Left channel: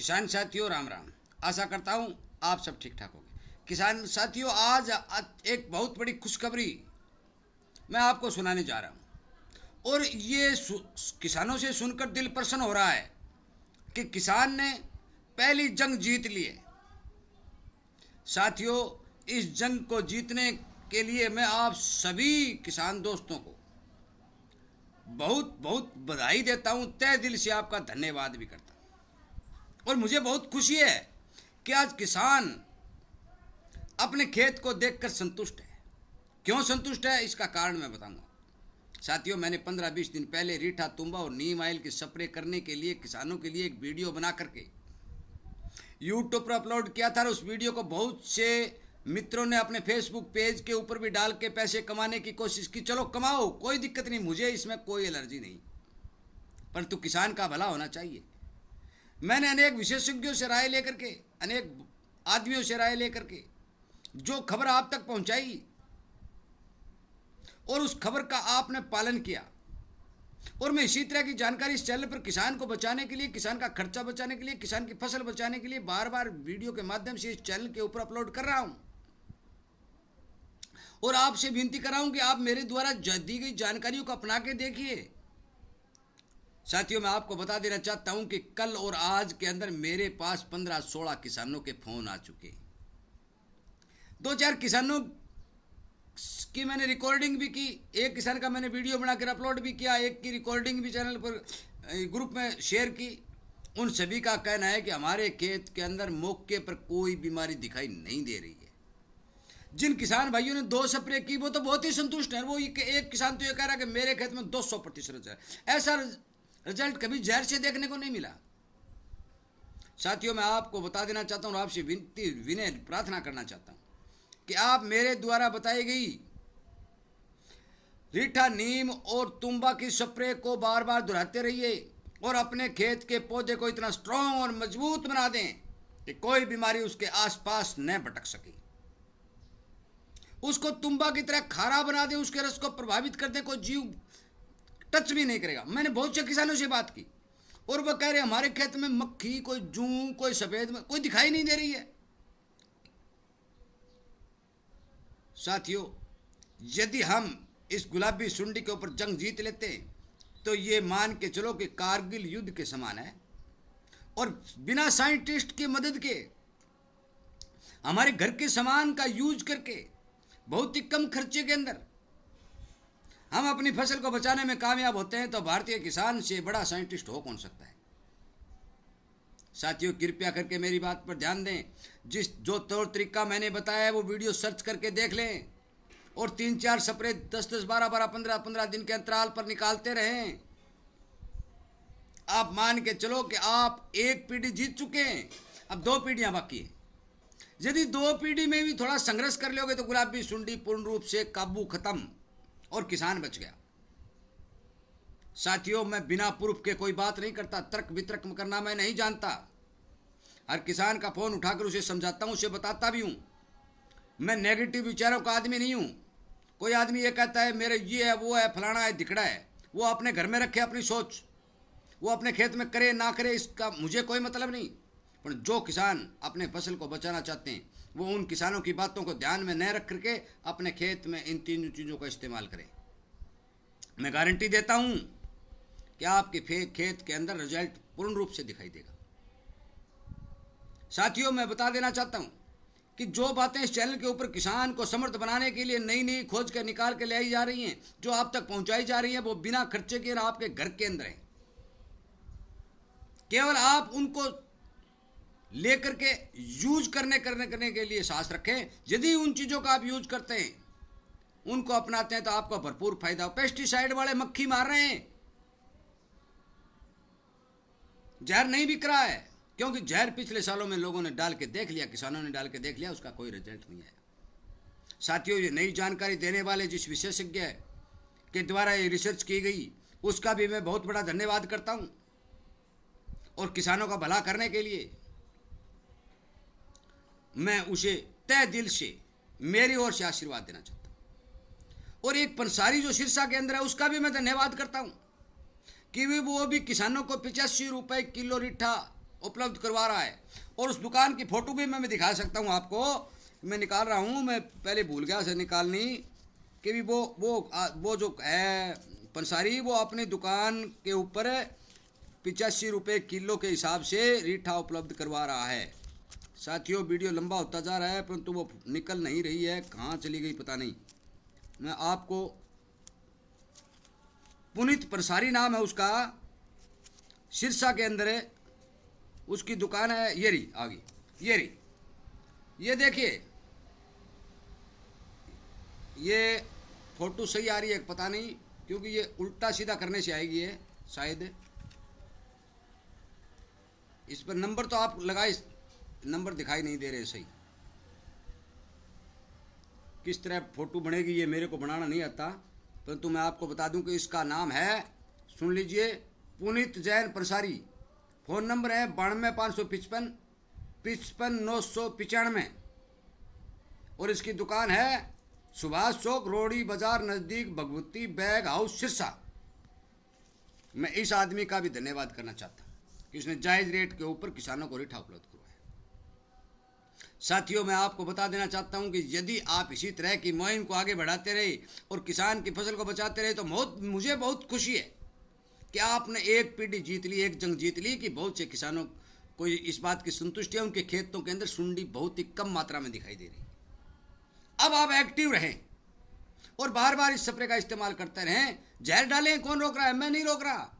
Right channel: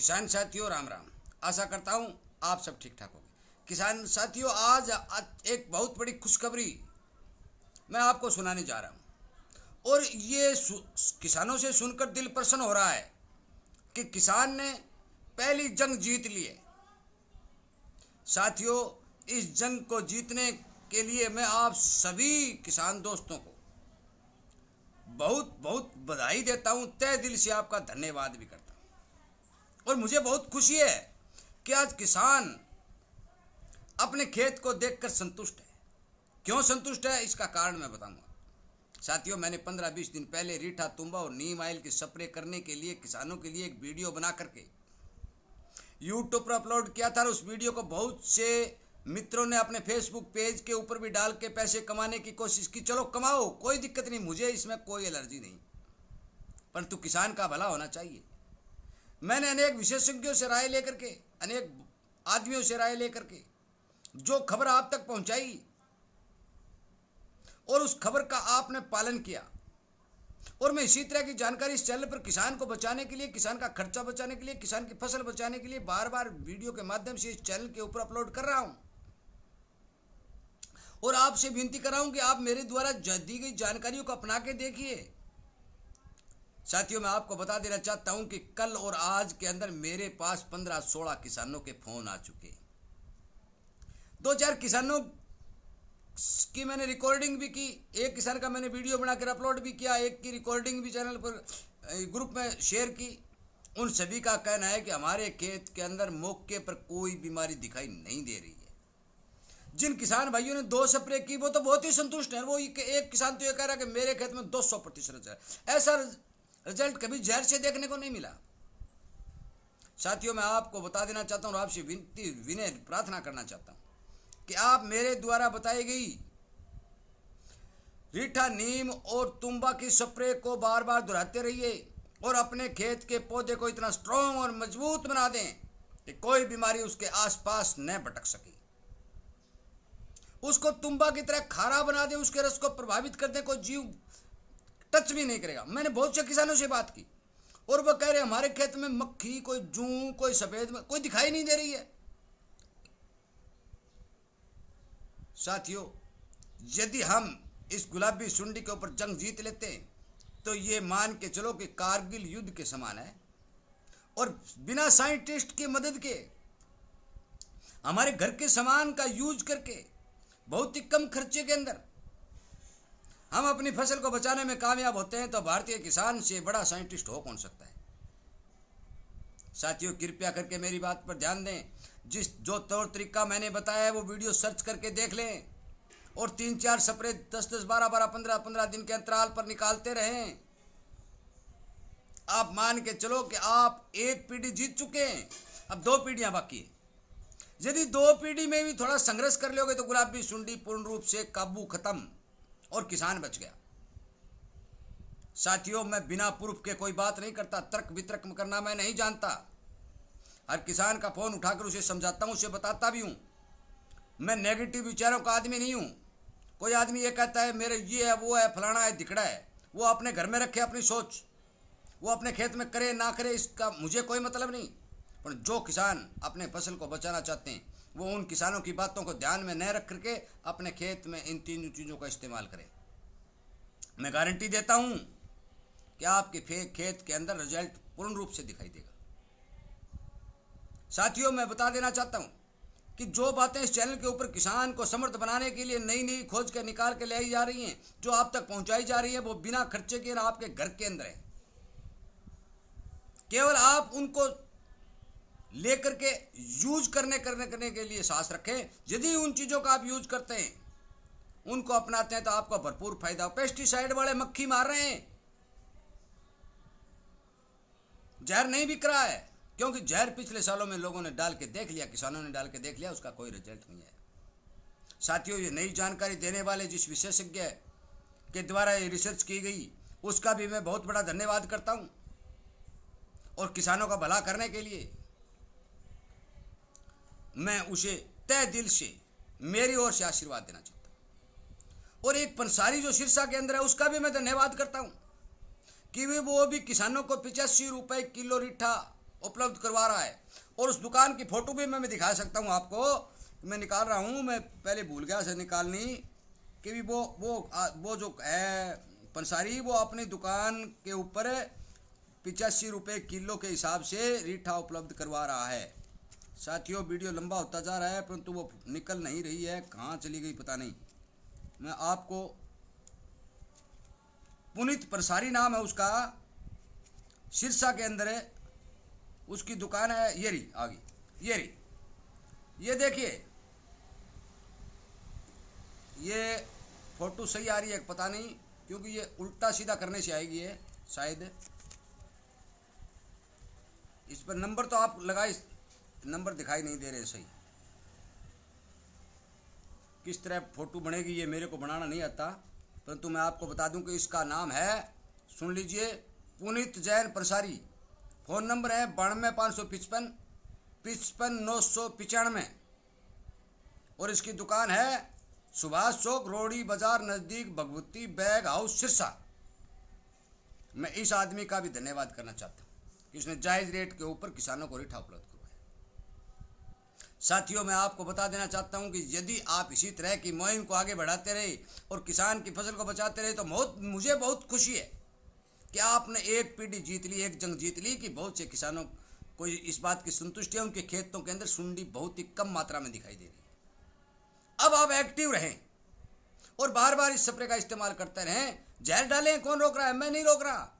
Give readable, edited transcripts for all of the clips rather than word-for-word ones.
किसान साथियों राम राम। आशा करता हूँ आप सब ठीक ठाक होंगे। किसान साथियों, आज एक बहुत बड़ी खुशखबरी मैं आपको सुनाने जा रहा हूँ और ये किसानों से सुनकर दिल प्रसन्न हो रहा है कि किसान ने पहली जंग जीत ली है। साथियों, इस जंग को जीतने के लिए मैं आप सभी किसान दोस्तों को बहुत बहुत बधाई देता हूँ, तहे दिल से आपका धन्यवाद भी करता हूँ। और मुझे बहुत खुशी है कि आज किसान अपने खेत को देखकर संतुष्ट है। क्यों संतुष्ट है, इसका कारण मैं बताऊंगा। साथियों, मैंने 15-20 दिन पहले रीठा, तुम्बा और नीम ऑयल की स्प्रे करने के लिए किसानों के लिए एक वीडियो बना करके यूट्यूब पर अपलोड किया था। और उस वीडियो को बहुत से मित्रों ने अपने फेसबुक पेज के ऊपर भी डाल के पैसे कमाने की कोशिश की। चलो कमाओ, कोई दिक्कत नहीं, मुझे इसमें कोई एलर्जी नहीं, परंतु किसान का भला होना चाहिए। मैंने अनेक विशेषज्ञों से राय लेकर के, अनेक आदमियों से राय लेकर के जो खबर आप तक पहुंचाई और उस खबर का आपने पालन किया। और मैं इसी तरह की जानकारी इस चैनल पर किसान को बचाने के लिए, किसान का खर्चा बचाने के लिए, किसान की फसल बचाने के लिए बार बार वीडियो के माध्यम से इस चैनल के ऊपर अपलोड कर रहा हूं। और आपसे विनती कर रहा हूं कि आप मेरे द्वारा दी गई जानकारियों को अपना के देखिए। साथियों, मैं आपको बता देना चाहता हूं कि कल और आज के अंदर मेरे पास 15-16 किसानों के फोन आ चुके। 2-4 किसानों की मैंने रिकॉर्डिंग भी की, एक किसान का मैंने वीडियो बनाकर अपलोड भी किया, एक की रिकॉर्डिंग भी चैनल पर ग्रुप में शेयर की। उन सभी का कहना है कि हमारे खेत के अंदर मौके पर कोई बीमारी दिखाई नहीं दे रही है। जिन किसान भाइयों ने 2 स्प्रे की वो तो बहुत ही संतुष्ट है। वो एक किसान तो ये कह रहा है कि मेरे खेत में 200% रिजल्ट, ऐसा रिजल्ट कभी जहर से देखने को नहीं मिला। साथियों, मैं आपको बता देना चाहता हूँ और आपसे विनती, विनय प्रार्थना करना चाहता हूँ कि आप मेरे द्वारा बताई गई रीठा, नीम और तुम्बा की स्प्रे को बार बार दोहराते रहिए और अपने खेत के पौधे को इतना स्ट्रांग और मजबूत बना दें कि कोई बीमारी उसके आसपास न भटक सके। उसको तुम्बा की तरह खारा बना दें, उसके रस को प्रभावित कर दें, कोई जीव टच भी नहीं करेगा। मैंने बहुत से किसानों से बात की और वो कह रहे हमारे खेत में मक्खी, कोई जूं, कोई सफेद में कोई दिखाई नहीं दे रही है। साथियों, यदि हम इस गुलाबी सुंडी के ऊपर जंग जीत लेते हैं तो ये मान के चलो कि कारगिल युद्ध के समान है। और बिना साइंटिस्ट की मदद के हमारे घर के सामान का यूज करके बहुत ही कम खर्चे के अंदर हम अपनी फसल को बचाने में कामयाब होते हैं, तो भारतीय किसान से बड़ा साइंटिस्ट हो कौन सकता है। साथियों, कृपया करके मेरी बात पर ध्यान दें। जो तौर तरीका मैंने बताया है वो वीडियो सर्च करके देख लें और 3-4 स्प्रे 10-10, 12-12, 15-15 दिन के अंतराल पर निकालते रहें। आप मान के चलो कि आप एक पीढ़ी जीत चुके हैं, अब 2 पीढ़ियां बाकी है। यदि 2 पीढ़ी में भी थोड़ा संघर्ष कर लोगे तो गुलाबी सुंडी पूर्ण रूप से काबू खत्म और किसान बच गया। साथियों, मैं बिना प्रूफ के कोई बात नहीं करता, तर्क वितर्क करना मैं नहीं जानता। हर किसान का फोन उठाकर उसे समझाता हूं, उसे बताता भी हूं। मैं नेगेटिव विचारों का आदमी नहीं हूं। कोई आदमी ये कहता है मेरे ये है, वो है, फलाना है, दिखड़ा है, वो अपने घर में रखे अपनी सोच, वो अपने खेत में करे ना करे, इसका मुझे कोई मतलब नहीं। पर जो किसान अपने फसल को बचाना चाहते हैं वो उन किसानों की बातों को ध्यान में न रख करके अपने खेत में इन 3 चीज़ों का इस्तेमाल करें। मैं गारंटी देता हूं कि आपके खेत के अंदर रिजल्ट पूर्ण रूप से दिखाई देगा। साथियों, मैं बता देना चाहता हूं कि जो बातें इस चैनल के ऊपर किसान को समर्थ बनाने के लिए नई नई खोज कर निकाल के ले आई जा रही हैं, जो आप तक पहुंचाई जा रही है, वो बिना खर्चे के आपके घर के अंदर है। केवल आप उनको लेकर के यूज करने के लिए साहस रखें। यदि उन चीजों का आप यूज करते हैं, उनको अपनाते हैं, तो आपको भरपूर फायदा हो। पेस्टिसाइड वाले मक्खी मार रहे हैं, जहर नहीं बिक रहा है, क्योंकि जहर पिछले सालों में लोगों ने डाल के देख लिया, किसानों ने डाल के देख लिया, उसका कोई रिजल्ट नहीं आया। साथियों, ये नई जानकारी देने वाले जिस विशेषज्ञ के द्वारा ये रिसर्च की गई उसका भी मैं बहुत बड़ा धन्यवाद करता हूं। और किसानों का भला करने के लिए मैं उसे तहे दिल से मेरी ओर से आशीर्वाद देना चाहता हूं। और एक पंसारी जो सिरसा के अंदर है उसका भी मैं धन्यवाद करता हूं कि वो भी किसानों को 85 रुपए किलो रीठा उपलब्ध करवा रहा है। और उस दुकान की फ़ोटो भी मैं दिखा सकता हूँ आपको। मैं निकाल रहा हूँ, मैं पहले भूल गया से निकालनी कि भी वो जो है पंसारी, वो अपनी दुकान के ऊपर 85 रुपये किलो के हिसाब से रीठा उपलब्ध करवा रहा है। साथियों, वीडियो लंबा होता जा रहा है परंतु वो निकल नहीं रही है, कहाँ चली गई पता नहीं। मैं आपको, पुनीत पंसारी नाम है उसका, सिरसा के अंदर है, उसकी दुकान है। ये रही आ गई, ये रही, ये देखिए, ये फोटो सही आ रही है पता नहीं, क्योंकि ये उल्टा सीधा करने से आएगी ये शायद। इस पर नंबर तो आप लगाए, नंबर दिखाई नहीं दे रहे सही। किस तरह फोटो बनेगी ये मेरे को बनाना नहीं आता, परंतु मैं आपको बता दूं कि इसका नाम है, सुन लीजिए, पुनीत जैन पंसारी। फ़ोन नंबर है 92 555 995। और इसकी दुकान है सुभाष चौक, रोड़ी बाजार, नज़दीक भगवती बैग हाउस, सिरसा। मैं इस आदमी का भी धन्यवाद करना चाहता हूँ कि उसने जायज़ रेट के ऊपर किसानों को रीठा उपलब्ध करवाया। साथियों, मैं आपको बता देना चाहता हूं कि यदि आप इसी तरह की मुहिम को आगे बढ़ाते रहे और किसान की फसल को बचाते रहे तो मुझे बहुत खुशी है कि आपने एक पीढ़ी जीत ली, एक जंग जीत ली कि बहुत से किसानों को इस बात की संतुष्टि है, उनके खेतों के अंदर सुंडी बहुत ही कम मात्रा में दिखाई दे रही है। अब आप एक्टिव रहें और बार बार इस स्प्रे का इस्तेमाल करते रहें। जहर डालें, कौन रोक रहा है? मैं नहीं रोक रहा।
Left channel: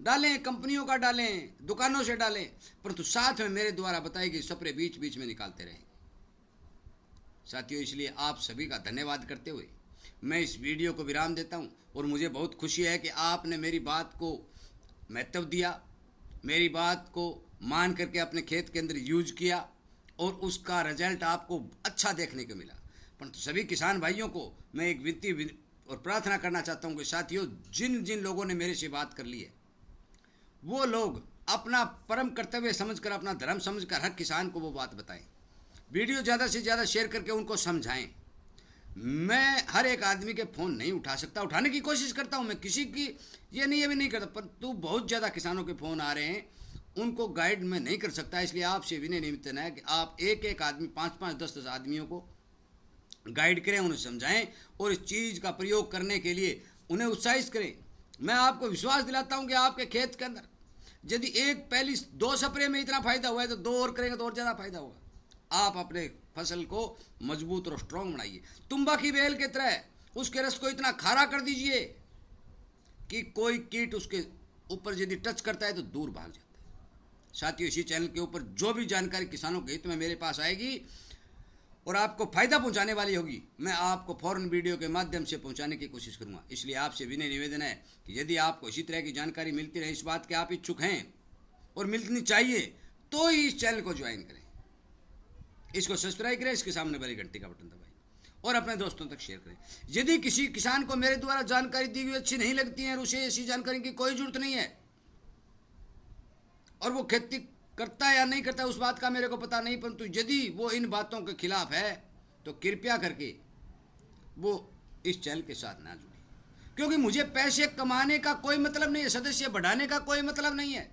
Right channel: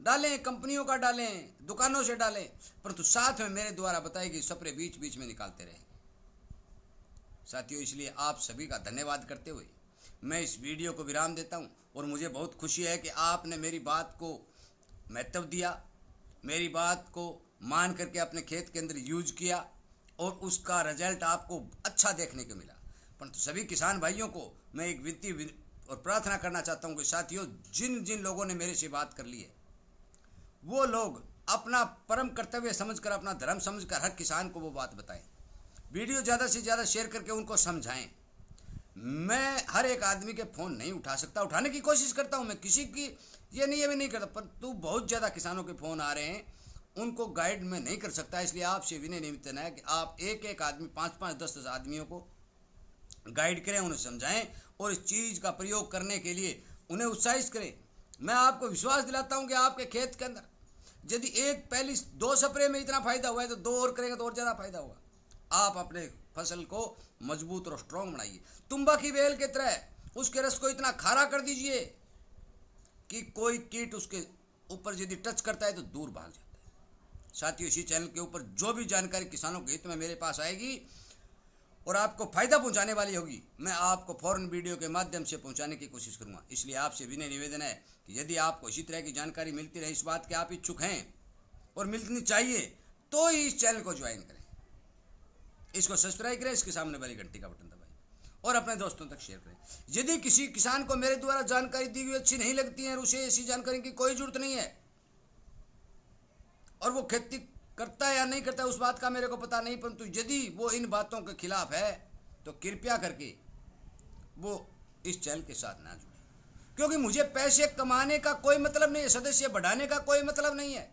डालें, कंपनियों का डालें, दुकानों से डालें, परंतु साथ में मेरे द्वारा बताई गई स्प्रे बीच बीच में निकालते रहें। साथियों, इसलिए आप सभी का धन्यवाद करते हुए मैं इस वीडियो को विराम देता हूं। और मुझे बहुत खुशी है कि आपने मेरी बात को महत्व दिया, मेरी बात को मान करके अपने खेत के अंदर यूज किया और उसका रिजल्ट आपको अच्छा देखने को मिला। परंतु सभी किसान भाइयों को मैं एक विनती और प्रार्थना करना चाहता हूं कि साथियों, जिन जिन लोगों ने मेरे से बात कर ली है, वो लोग अपना परम कर्तव्य समझकर, अपना धर्म समझकर हर किसान को वो बात बताएं। वीडियो ज़्यादा से ज़्यादा शेयर करके उनको समझाएं। मैं हर एक आदमी के फ़ोन नहीं उठा सकता, उठाने की कोशिश करता हूं मैं, किसी की ये भी नहीं करता, परंतु बहुत ज़्यादा किसानों के फ़ोन आ रहे हैं, उनको गाइड में नहीं कर सकता। इसलिए आपसे विनय निवेदन है कि आप एक एक आदमी, 5-5, 10-10 आदमियों को गाइड करें, उन्हें समझाएं और इस चीज़ का प्रयोग करने के लिए उन्हें उत्साहित करें। मैं आपको विश्वास दिलाता हूं कि आपके खेत के अंदर यदि एक पहली 2 स्प्रे में इतना फायदा हुआ है तो 2 और करेंगे तो और ज़्यादा फायदा होगा। आप अपने फसल को मजबूत और स्ट्रॉन्ग बनाइए। तुम्बा की बेल के तरह उसके रस को इतना खारा कर दीजिए कि कोई कीट उसके ऊपर यदि टच करता है तो दूर भाग जाता है। साथियों, इसी चैनल के ऊपर जो भी जानकारी किसानों के हित में मेरे पास आएगी और आपको फायदा पहुंचाने वाली होगी, मैं आपको फौरन वीडियो के माध्यम से पहुंचाने की कोशिश करूंगा। इसलिए आपसे विनय निवेदन है कि यदि आपको इसी तरह की जानकारी मिलती रहे, इस बात के आप इच्छुक हैं और मिलनी चाहिए, तो ही इस चैनल को ज्वाइन करें, इसको सब्सक्राइब करें, इसके सामने वाली घंटी का बटन दबाएं और अपने दोस्तों तक शेयर करें। यदि किसी किसान को मेरे द्वारा जानकारी दी हुई अच्छी नहीं लगती है और उसे ऐसी जानकारी की कोई जरूरत नहीं है और वो खेती करता है या नहीं करता है उस बात का मेरे को पता नहीं, परंतु यदि वो इन बातों के खिलाफ है तो कृपया करके वो इस चैनल के साथ ना जुड़े, क्योंकि मुझे पैसे कमाने का कोई मतलब नहीं है, सदस्य बढ़ाने का कोई मतलब नहीं है।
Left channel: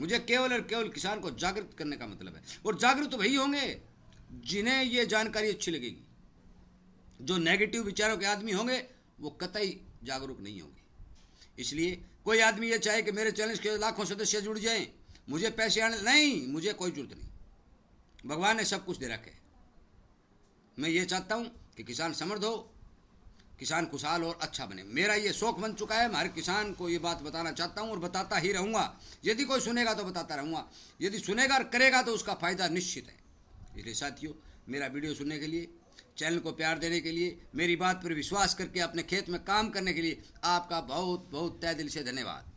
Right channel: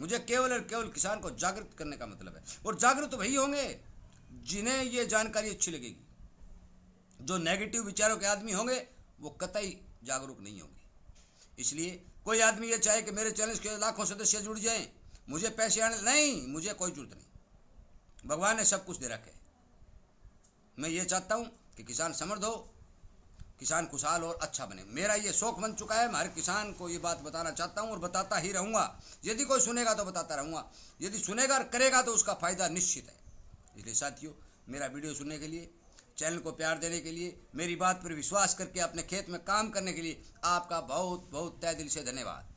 मुझे केवल और केवल किसान को जागृत करने का मतलब है। और जागृत वही होंगे जिन्हें ये जानकारी अच्छी लगेगी। जो नेगेटिव विचारों के आदमी होंगे वो कतई जागरूक नहीं होंगे। इसलिए कोई आदमी ये चाहे कि मेरे चैनल के लाखों सदस्य जुड़ जाएं, मुझे पैसे आने, नहीं, मुझे कोई जरूरत नहीं। भगवान ने सब कुछ दे रखा है। मैं ये चाहता हूं कि किसान समृद्ध हो, किसान खुशहाल और अच्छा बने। मेरा ये शौक बन चुका है, मैं हर किसान को ये बात बताना चाहता हूं और बताता ही रहूंगा। यदि कोई सुनेगा तो बताता रहूंगा, यदि सुनेगा और करेगा तो उसका फायदा निश्चित है। इसलिए साथियों, मेरा वीडियो सुनने के लिए, चैनल को प्यार देने के लिए, मेरी बात पर विश्वास करके अपने खेत में काम करने के लिए आपका बहुत बहुत तहे दिल से धन्यवाद।